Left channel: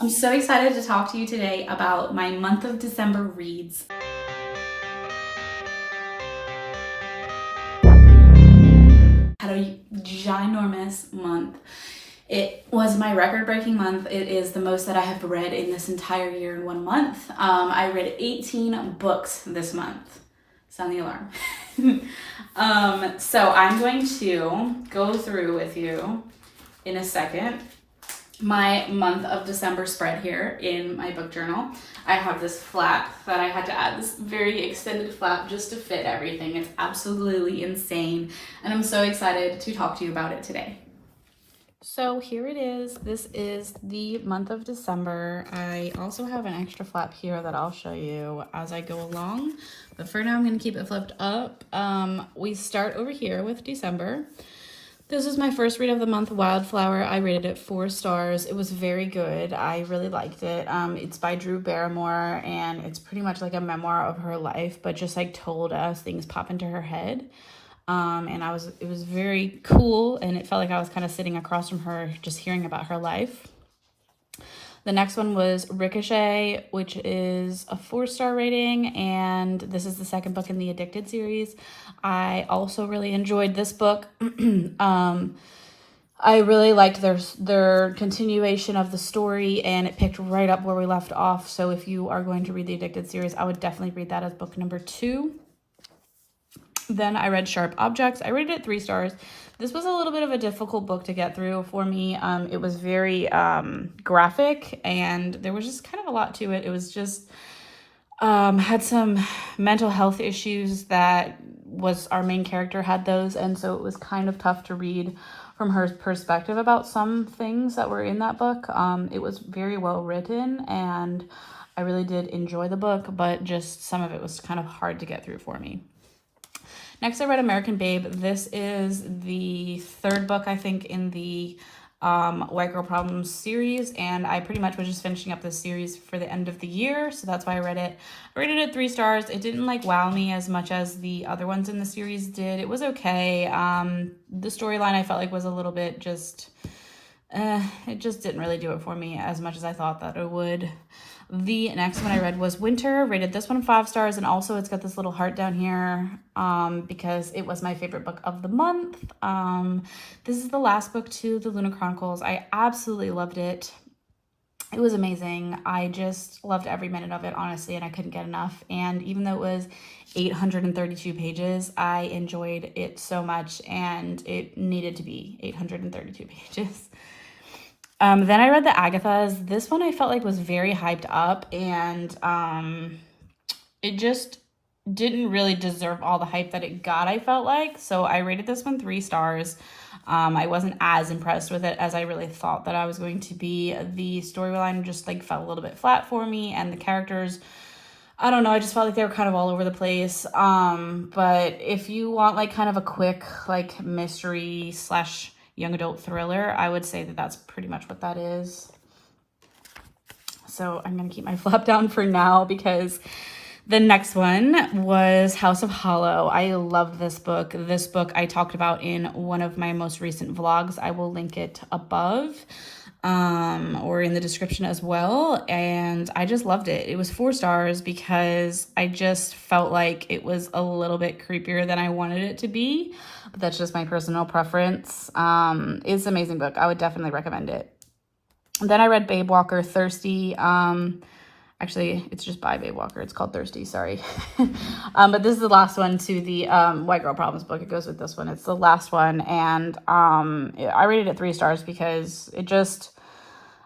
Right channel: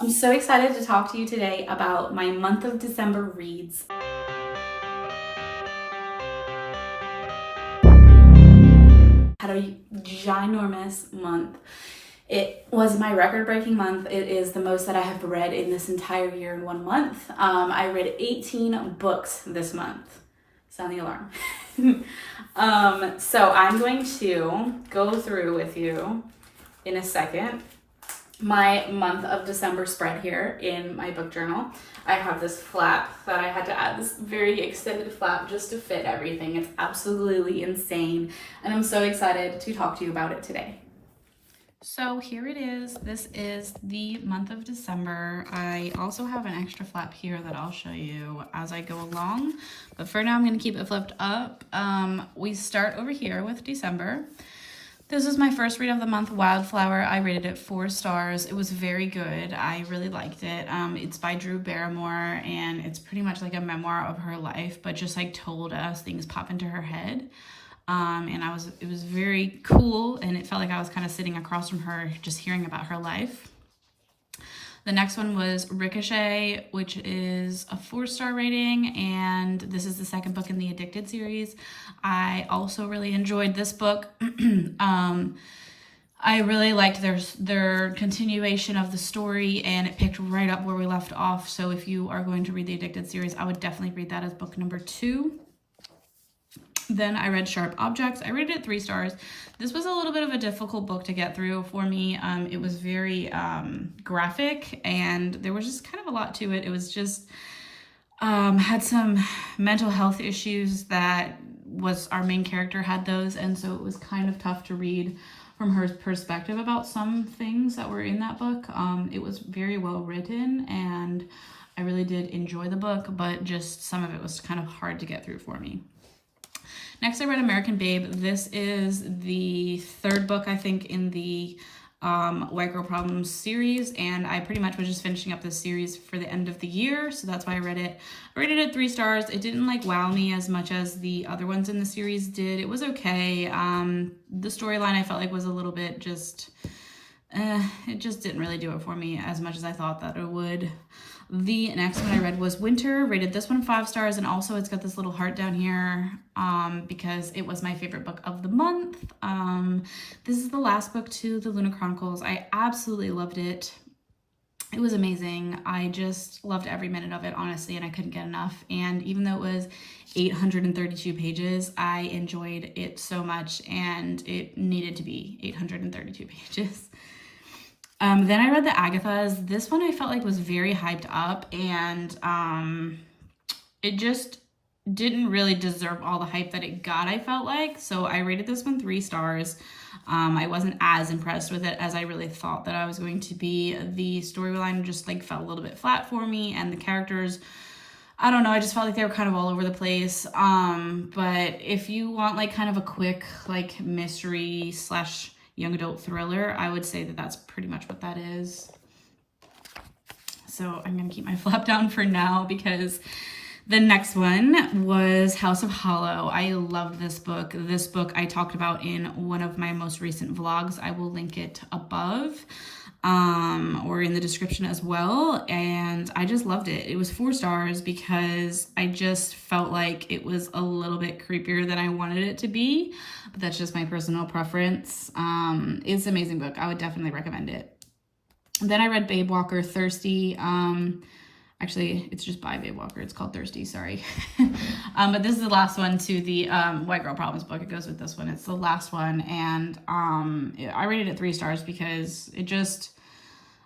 I'm so excited to talk to you today about my month of December reads. Had a ginormous month. It was my record-breaking month. It is the most that I have read in this entire year in 1 month. I read 18 books this month. Sound the alarm. So I'm going to go through with you in a second my month of December spread here in my book journal. I have this flap that I had to add, this very extended flap just to fit everything. It's absolutely insane, and I'm so excited to talk to you about it today. So here it is. This is the month of December. I also have an extra flap here that I'll show you as I go along, but for now I'm going to keep it flipped up. We start over here with December. This is my first read of the month, Wildflower. I rated it 4 stars. It was very good. I really liked it. It's by Drew Barrymore, and it's pretty much like a memoir of her life, but just like told as things pop into her head. And it was very cool, and it felt like I was kind of sitting across from her, just hearing about her life. The next one was Ricochet, which is a 4-star rating, and this is the second book in the Addicted series. I also really enjoyed this book. I really liked their continuation of the story, and it picked right up where we left off. So if you are going to read the Addicted series, I would definitely read that as book number 2. Then I read Sharp Objects. I rated it 3 stars. This was a little bit of a difficult book to get through for me. It was very graphic, and there was just kind of a lot to it. It was just had some mental health issues that was our main character had those, and so it was kind of tough to read from her perspective about some things that were in that book. It was very well written, and I really did enjoy the book, but just some of it was kind of hard to get through for me. Next, I read American Babe. This is the 3rd book, I think, in the White Girl Problems series, and I pretty much was just finishing up this series for the end of the year, so that's why I read it. I rated it 3 stars. It didn't like wow me as much as the other ones in the series did. It was okay. The storyline I felt like was a little bit just, it just didn't really do it for me as much as I thought that it would. The next one I read was Winter. Rated this one 5 stars, and also it's got this little heart down here because it was my favorite book of the month. This is the last book to the Lunar Chronicles. I absolutely loved it. It was amazing. I just loved every minute of it, honestly, and I couldn't get enough. And even though it was 832 pages, I enjoyed it so much, and it needed to be 832 pages. Then I read the Agathas. This one I felt like was very hyped up, and it just didn't really deserve all the hype that it got, I felt like. So I rated this one 3 stars. I wasn't as impressed with it as I really thought that I was going to be. The storyline just like felt a little bit flat for me, and the characters, I don't know, I just felt like they were kind of all over the place. But if you want like kind of a quick like mystery slash young adult thriller, I would say that that's pretty much what that is. So I'm gonna keep my flap down for now because the next one was House of Hollow. I love this book. This book I talked about in one of my most recent vlogs. I will link it above or in the description as well. And I just loved it. It was 4 stars because I just felt like it was a little bit creepier than I wanted it to be. But that's just my personal preference. It's an amazing book. I would definitely recommend it. Then I read Babe Walker, Thirsty. Actually, it's just by Babe Walker. It's called Thirsty, sorry. But this is the last one to the White Girl Problems book. It goes with this one. It's the last one. And I rated it 3 stars because it just,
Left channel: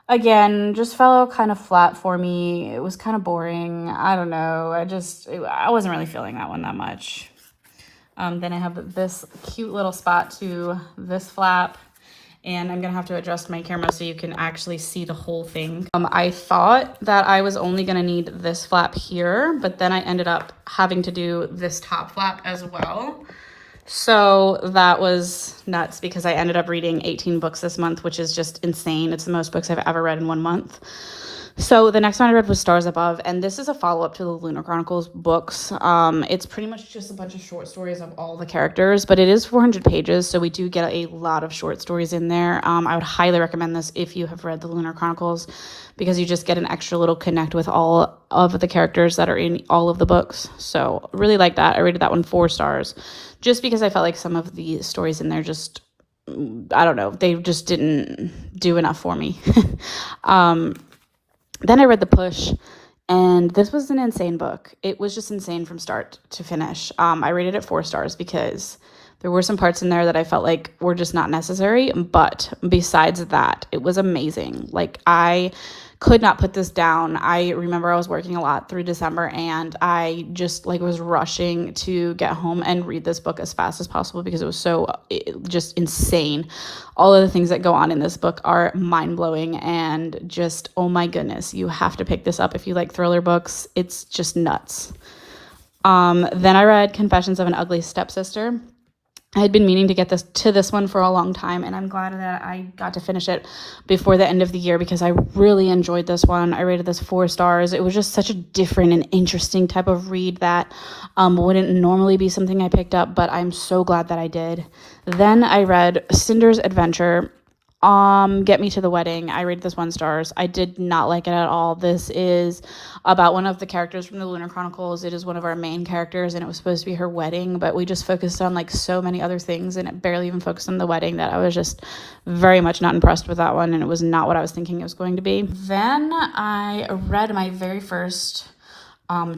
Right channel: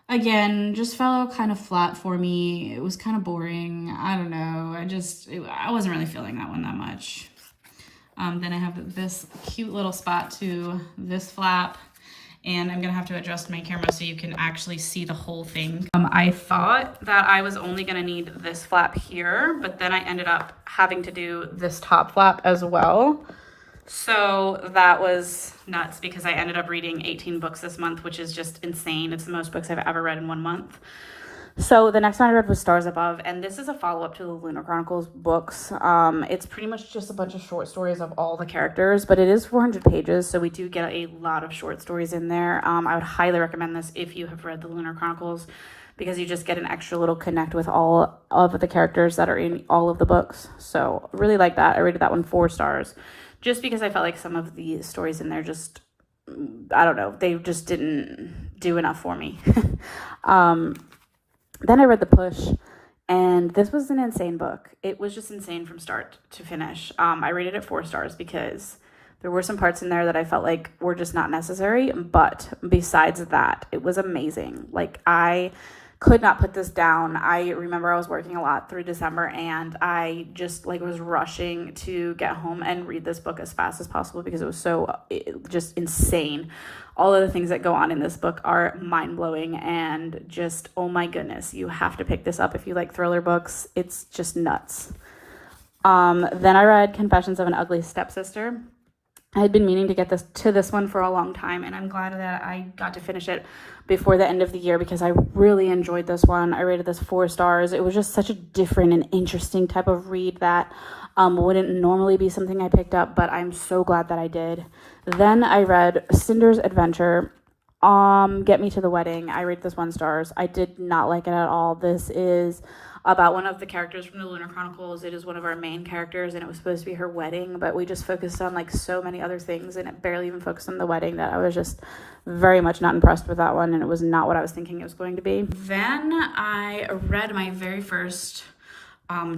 again, just fell kind of flat for me. It was kind of boring. I don't know. I wasn't really feeling that one that much. Then I have this cute little spot to this flap, and I'm gonna have to adjust my camera so you can actually see the whole thing. I thought that I was only gonna need this flap here, but then I ended up having to do this top flap as well. So that was nuts because I ended up reading 18 books this month, which is just insane. It's the most books I've ever read in 1 month. So the next one I read was Stars Above, and this is a follow-up to the Lunar Chronicles books. It's pretty much just a bunch of short stories of all the characters, but it is 400 pages, so we do get a lot of short stories in there. I would highly recommend this if you have read the Lunar Chronicles because you just get an extra little connect with all of the characters that are in all of the books. So really like that. I rated that one 4 stars just because I felt like some of the stories in there just, I don't know, they just didn't do enough for me. Then I read The Push, and this was an insane book. It was just insane from start to finish. I rated it 4 stars because there were some parts in there that I felt like were just not necessary, but besides that, it was amazing. Like, I could not put this down. I remember I was working a lot through December, and I just like was rushing to get home and read this book as fast as possible because it was so just insane. All of the things that go on in this book are mind-blowing, and just, oh my goodness, you have to pick this up if you like thriller books. It's just nuts. Then I read Confessions of an Ugly Stepsister. I had been meaning to get this one for a long time, and I'm glad that I got to finish it before the end of the year because I really enjoyed this one. I rated this 4 stars. It was just such a different and interesting type of read that wouldn't normally be something I picked up, but I'm so glad that I did. Then I read Cinder's Adventure. Get Me to the Wedding. I rated this 1 stars. I did not like it at all. This is about one of the characters from the Lunar Chronicles. It is one of our main characters, and it was supposed to be her wedding, but we just focused on like so many other things, and it barely even focused on the wedding, that I was just very much not impressed with that one, and it was not what I was thinking it was going to be. Then I read my very first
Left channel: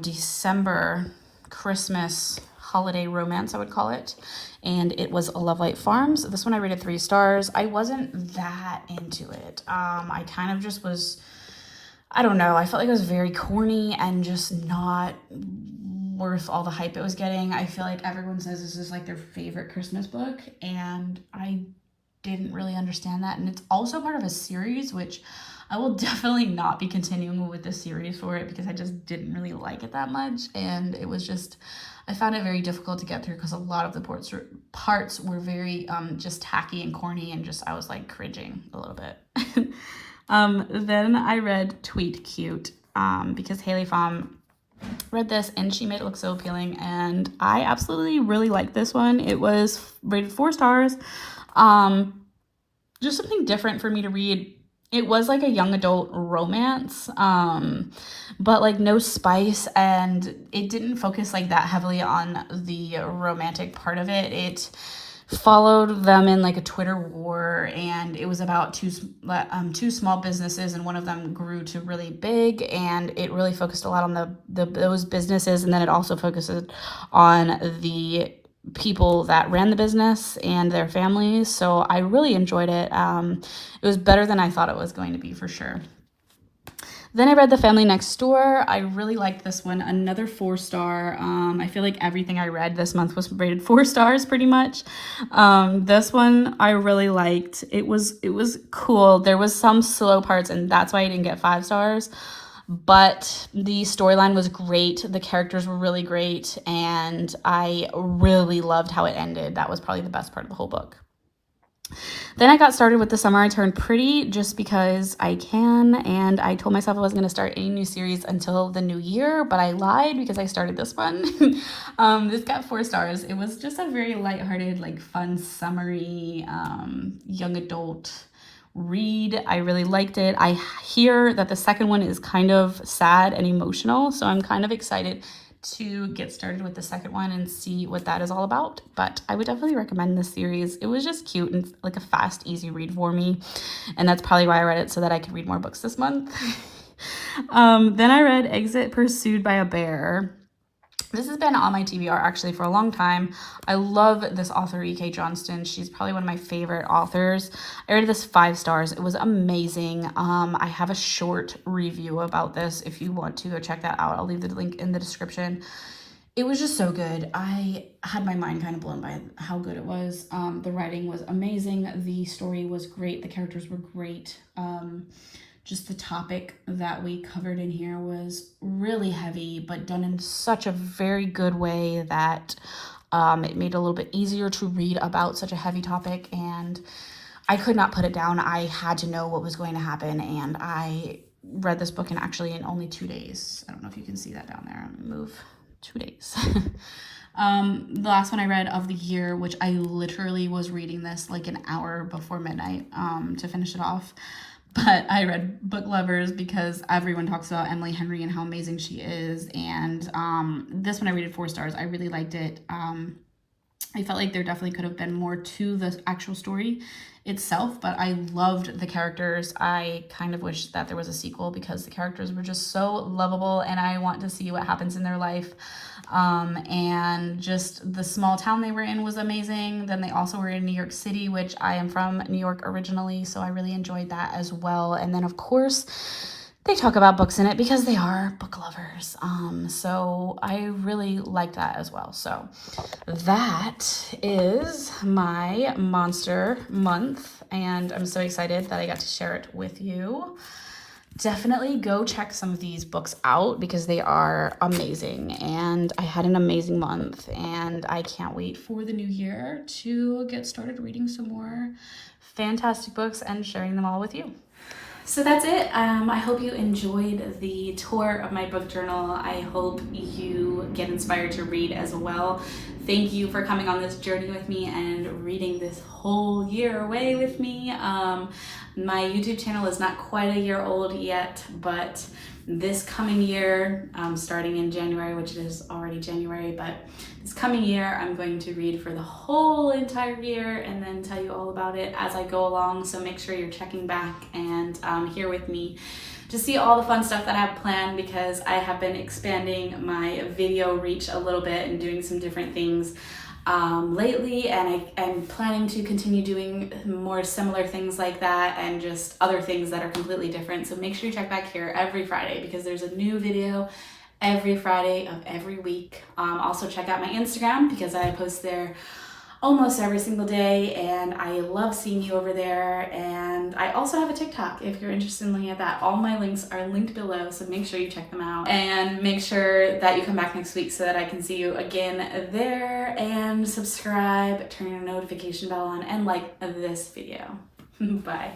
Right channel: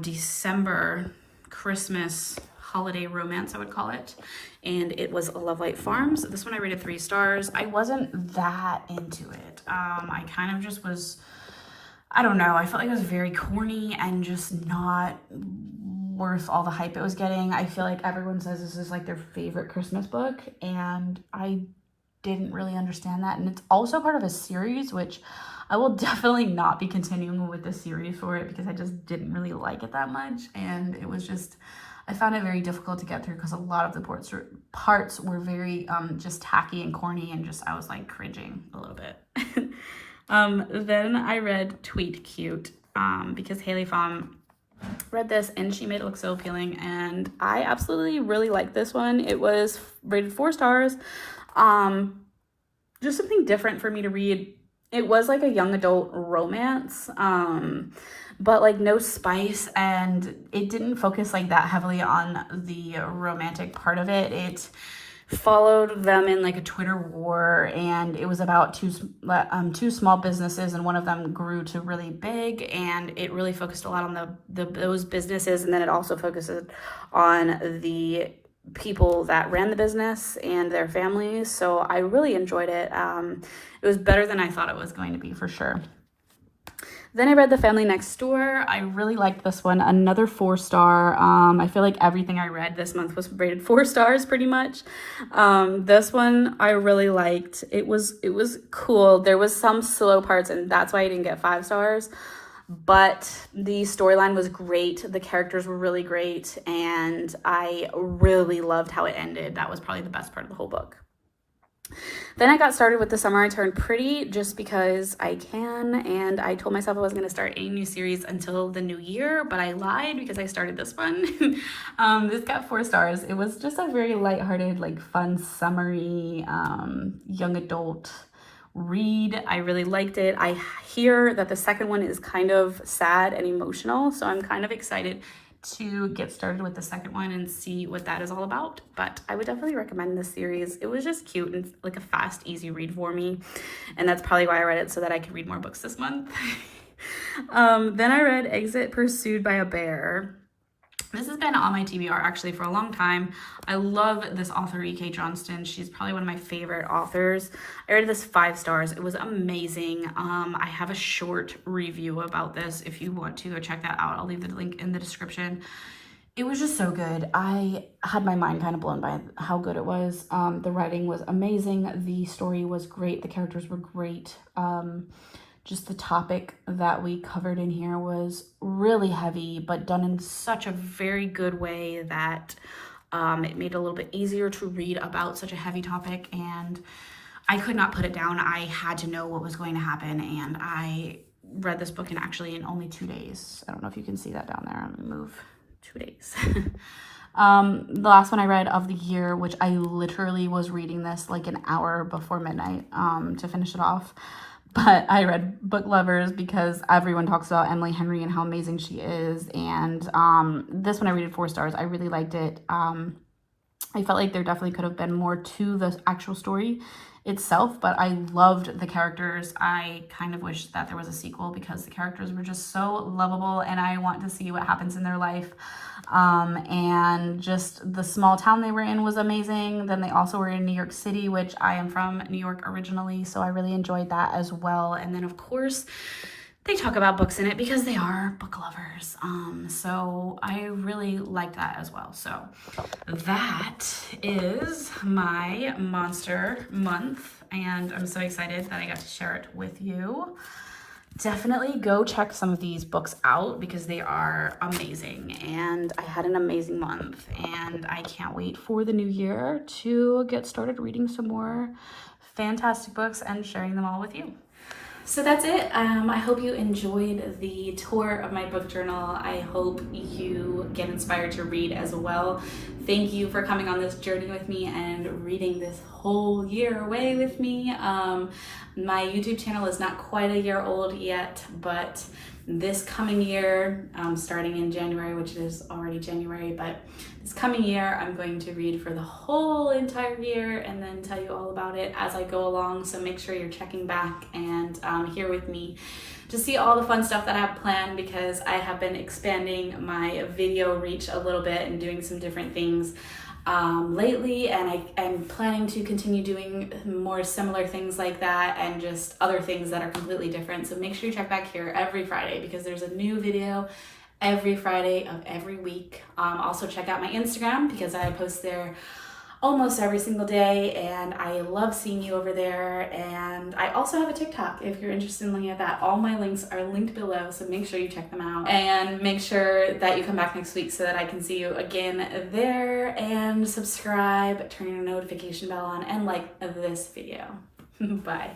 December Christmas holiday romance, I would call it, and it was Lovelight Farms. This one I rated 3 stars. I wasn't that into it. I kind of just was, I don't know, I felt like it was very corny and just not worth all the hype it was getting. I feel like everyone says this is like their favorite Christmas book, and I didn't really understand that. And it's also part of a series, which I will definitely not be continuing with the series for it because I just didn't really like it that much, and it was just, I found it very difficult to get through because a lot of the parts were very just tacky and corny, and just, I was like cringing a little bit. Then I read Tweet Cute because Haley Pham read this and she made it look so appealing, and I absolutely really liked this one. It was rated 4 stars. Just something different for me to read. It was like a young adult romance, but like no spice, and it didn't focus like that heavily on the romantic part of it. It followed them in like a Twitter war, and it was about two small businesses, and one of them grew to really big, and it really focused a lot on those businesses, and then it also focuses on the people that ran the business and their families. So I really enjoyed it. It was better than I thought it was going to be, for sure. Then I read The Family Next Door. I really liked this one. Another 4 star. I feel like everything I read this month was rated 4 stars pretty much. This one I really liked. It was cool. There was some slow parts, and that's why I didn't get 5 stars. But the storyline was great. The characters were really great, and I really loved how it ended. That was probably the best part of the whole book. Then I got started with The Summer I Turned Pretty just because I can, and I told myself I wasn't going to start a new series until the new year, but I lied because I started this one. This got 4 stars. It was just a very lighthearted, like fun, summery, young adult read. I really liked it. I hear that the second one is kind of sad and emotional, so I'm kind of excited to get started with the second one and see what that is all about. But I would definitely recommend this series. It was just cute and like a fast, easy read for me, and that's probably why I read it, so that I could read more books this month. Then I read Exit Pursued by a Bear. This has been on my TBR actually for a long time. I love this author, E.K. Johnston. She's probably one of my favorite authors. I rated this 5 stars. It was amazing. I have a short review about this if you want to go check that out. I'll leave the link in the description. It was just so good. I had my mind kind of blown by how good it was. The writing was amazing. The story was great. The characters were great. Just the topic that we covered in here was really heavy, but done in such a very good way that it made it a little bit easier to read about such a heavy topic, and I could not put it down. I had to know what was going to happen, and I read this book in only 2 days. I don't know if you can see that down there. I'm gonna move 2 days. The last one I read of the year, which I literally was reading this like an hour before midnight to finish it off. but I read Book Lovers because everyone talks about Emily Henry and how amazing she is. And this one I rated 4 stars. I really liked it. I felt like there definitely could have been more to the actual story itself, but I loved the characters. I kind of wish that there was a sequel because the characters were just so lovable and I want to see what happens in their life. And just the small town they were in was amazing. Then they also were in New York City, which I am from New York originally, so I really enjoyed that as well. And then of course they talk about books in it because they are book lovers. So I really liked that as well. So that is my monster month, and I'm so excited that I got to share it with you. Definitely go check some of these books out because they are amazing, and I had an amazing month, and I can't wait for the new year to get started reading some more fantastic books and sharing them all with you. So that's it. I hope you enjoyed the tour of my book journal. I hope you get inspired to read as well. Thank you for coming on this journey with me and reading this whole year away with me. My YouTube channel is not quite a year old yet, but this coming year, starting in January, which is already January, but this coming year, I'm going to read for the whole entire year and then tell you all about it as I go along. So make sure you're checking back and here with me to see all the fun stuff that I have planned, because I have been expanding my video reach a little bit and doing some different things lately, and I'm planning to continue doing more similar things like that and just other things that are completely different. So make sure you check back here every Friday because there's a new video every Friday of every week. Also check out my Instagram because I post there almost every single day and I love seeing you over there. And I also have a TikTok if you're interested in looking at that. All my links are linked below, so make sure you check them out and make sure that you come back next week so that I can see you again there, and subscribe, turn your notification bell on, and like this video. Bye.